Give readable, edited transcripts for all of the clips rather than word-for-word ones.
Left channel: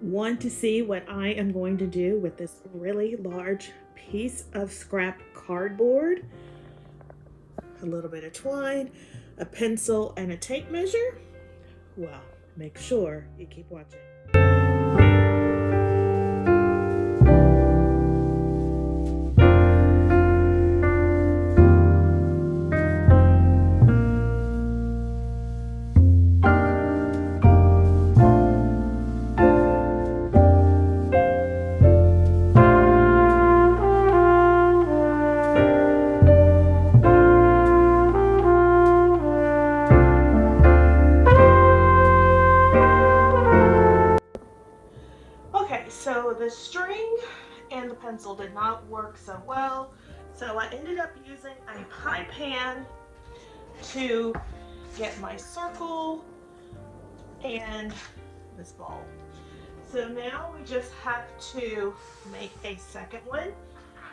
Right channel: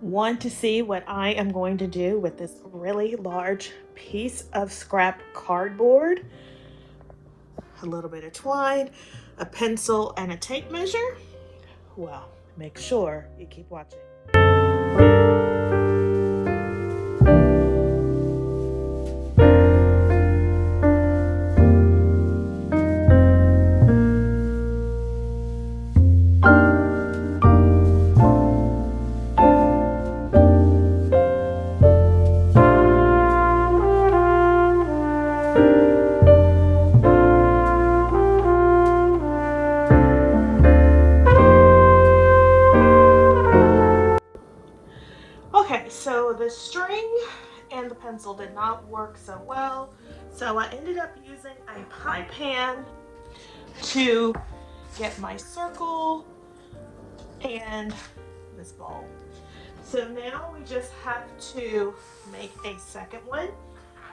Want to see what I am going to do with this really large piece of scrap cardboard? A little bit of twine, a pencil, and a tape measure? Well, make sure you keep watching. So the string and the pencil did not work so well, so I ended up using a pie pan to get my circle and this ball. So now we just have to make a second one.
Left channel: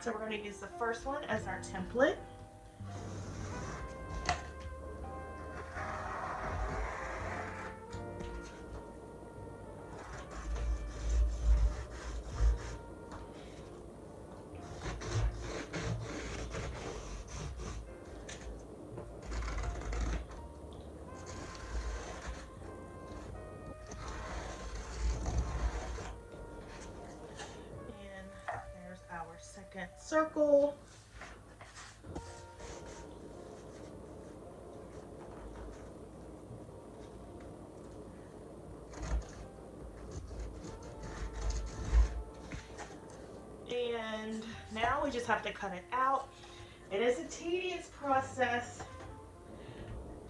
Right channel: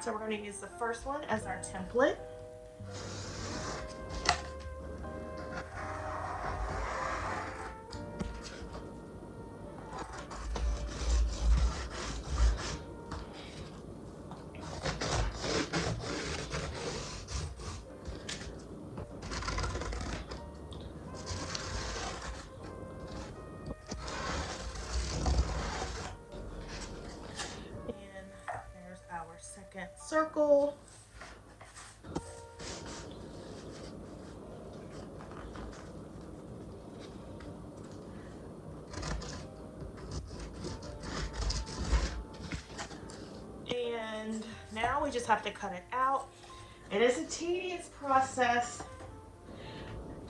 So we're going to use the first one as our template. Our second circle. And now we just have to cut it out. It is a tedious process,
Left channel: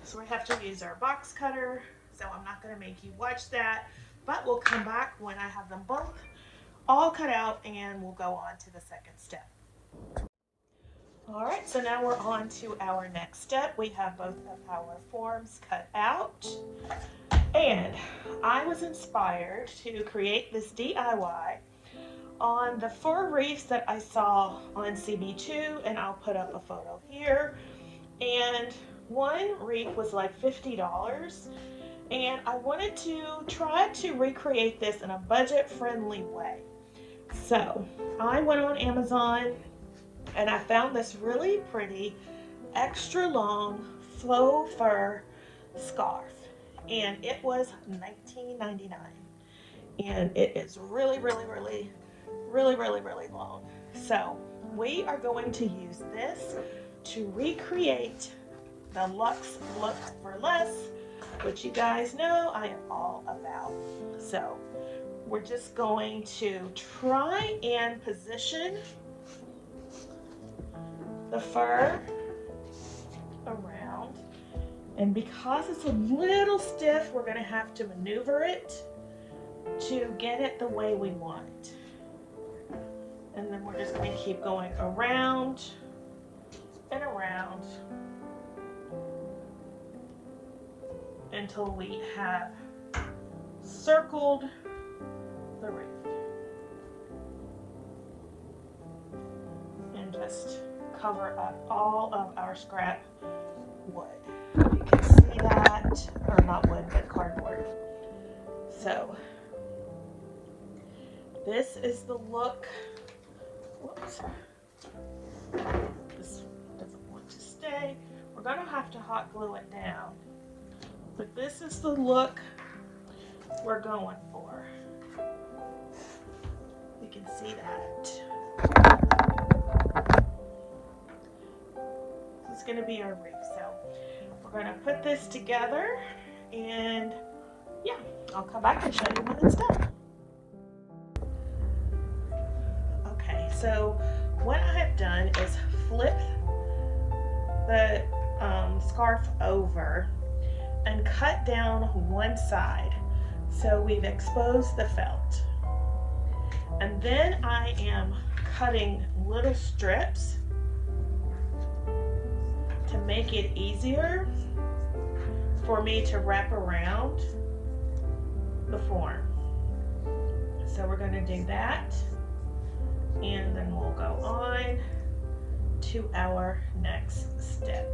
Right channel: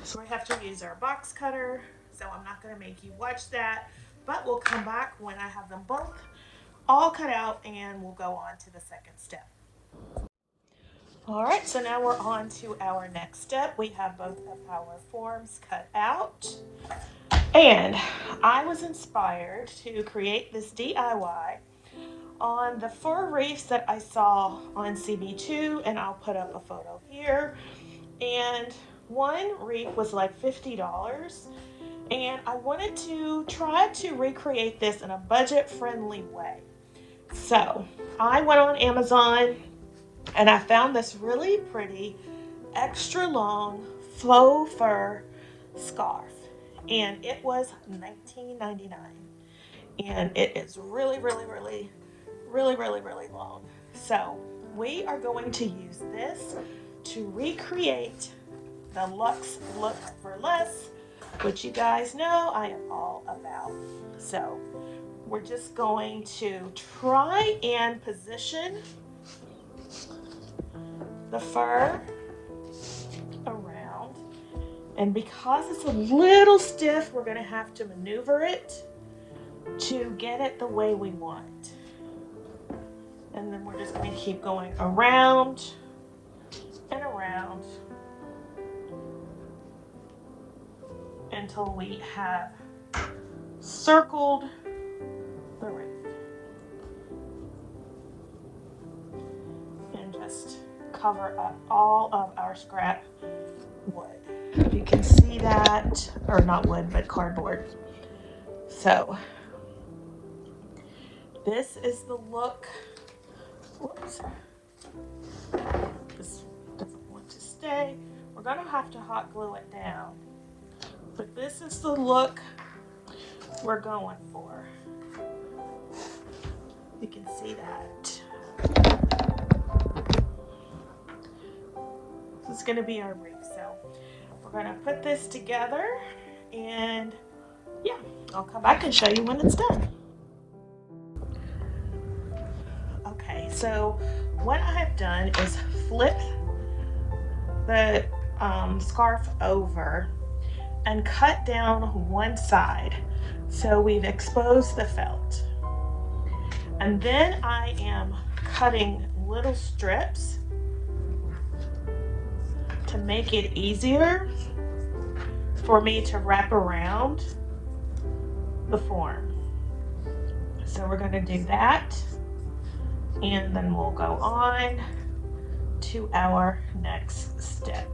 so we have to use our box cutter. So I'm not going to make you watch that, but we'll come back when I have them both all cut out and we'll go on to the second step. All right, so now we're on to our next step. We have both of our forms cut out, and I was inspired to create this DIY on the 4 wreaths that I saw on CB2, and I'll put up a photo here. And one wreath was like $50, and I wanted to try to recreate this in a budget-friendly way. So I went on Amazon and I found this really pretty extra long faux fur scarf, and it was $19.99, and it is really long. So we are going to use this to recreate the Luxe look for less, which you guys know I am all about. So we're just going to try and position the fur around, and because it's a little stiff, we're going to have to maneuver it to get it the way we want. And then we're just going to keep going around and around until we have circled the wreath. And just cover up all of our scrap wood. You can see that, or not wood, but cardboard. So this is the look. Whoops. This doesn't want to stay. We're going to have to hot glue it down. But this is the look we're going for. You can see that. It's going to be our wreath. So we're going to put this together, and yeah, I'll come back and show you when it's done. Okay, so what I have done is flip the scarf over and cut down one side. So we've exposed the felt. And then I am cutting little strips to make it easier for me to wrap around the form. So we're going to do that, and then we'll go on to our next step.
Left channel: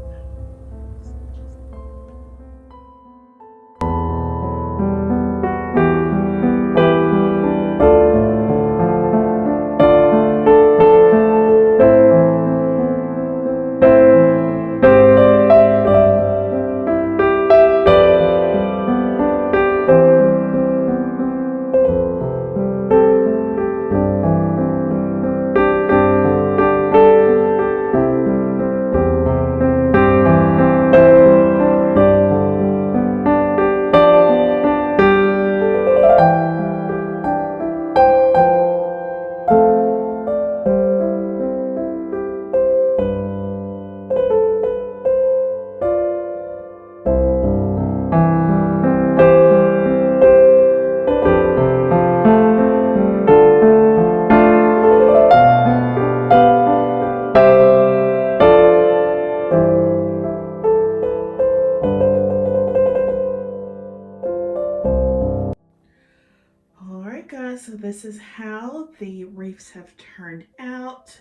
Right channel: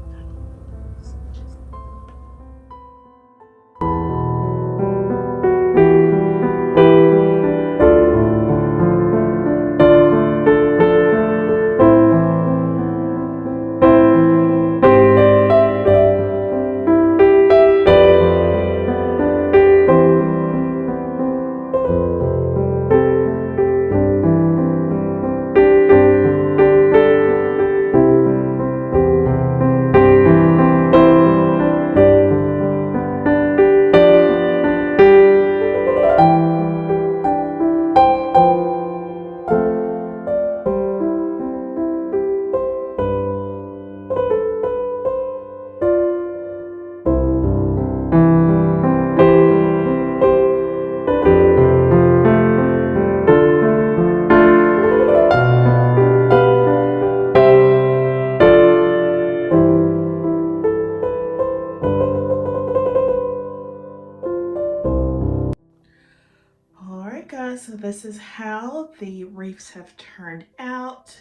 So this is how the wreaths have turned out,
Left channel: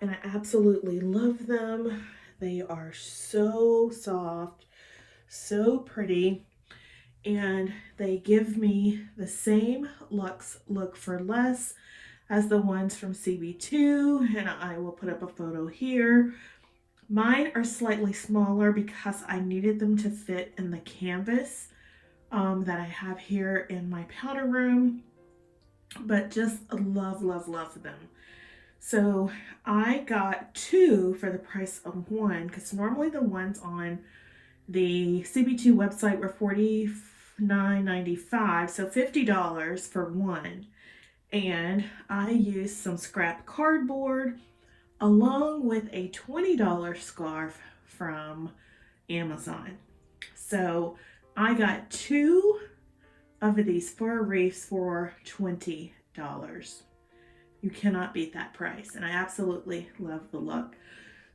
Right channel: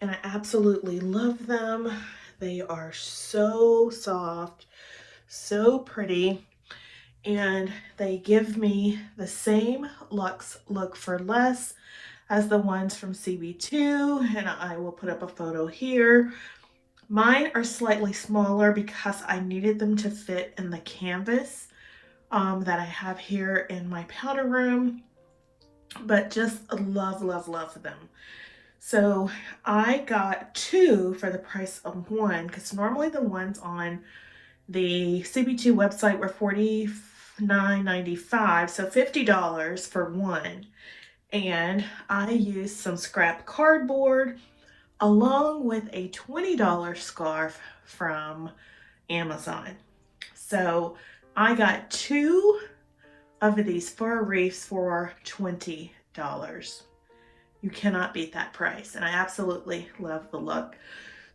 and I absolutely love them. They are so soft, so pretty, and they give me the same Luxe look for less as the ones from CB2, and I will put up a photo here. Mine are slightly smaller because I needed them to fit in the canvas that I have here in my powder room. But just love, love, love them. So I got two for the price of one, because normally the ones on the CB2 website were $49.95, so $50 for one. And I used some scrap cardboard along with a $20 scarf from Amazon. So I got two of these fur wreaths for $20. You cannot beat that price, and I absolutely love the look.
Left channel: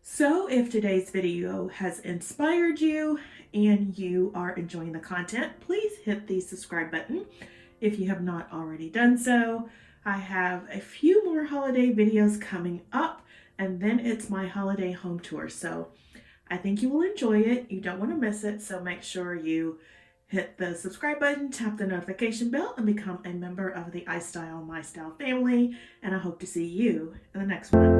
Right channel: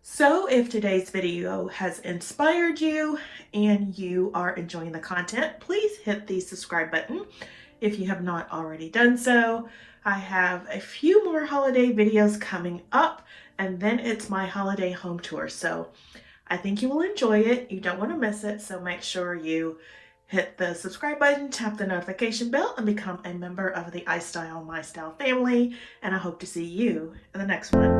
So if today's video has inspired you and you are enjoying the content, please hit the subscribe button if you have not already done so. I have a few more holiday videos coming up, and then it's my holiday home tour. So I think you will enjoy it. You don't want to miss it, so make sure you hit the subscribe button, tap the notification bell, and become a member of the iStylEmystyle family. And I hope to see you in the next one.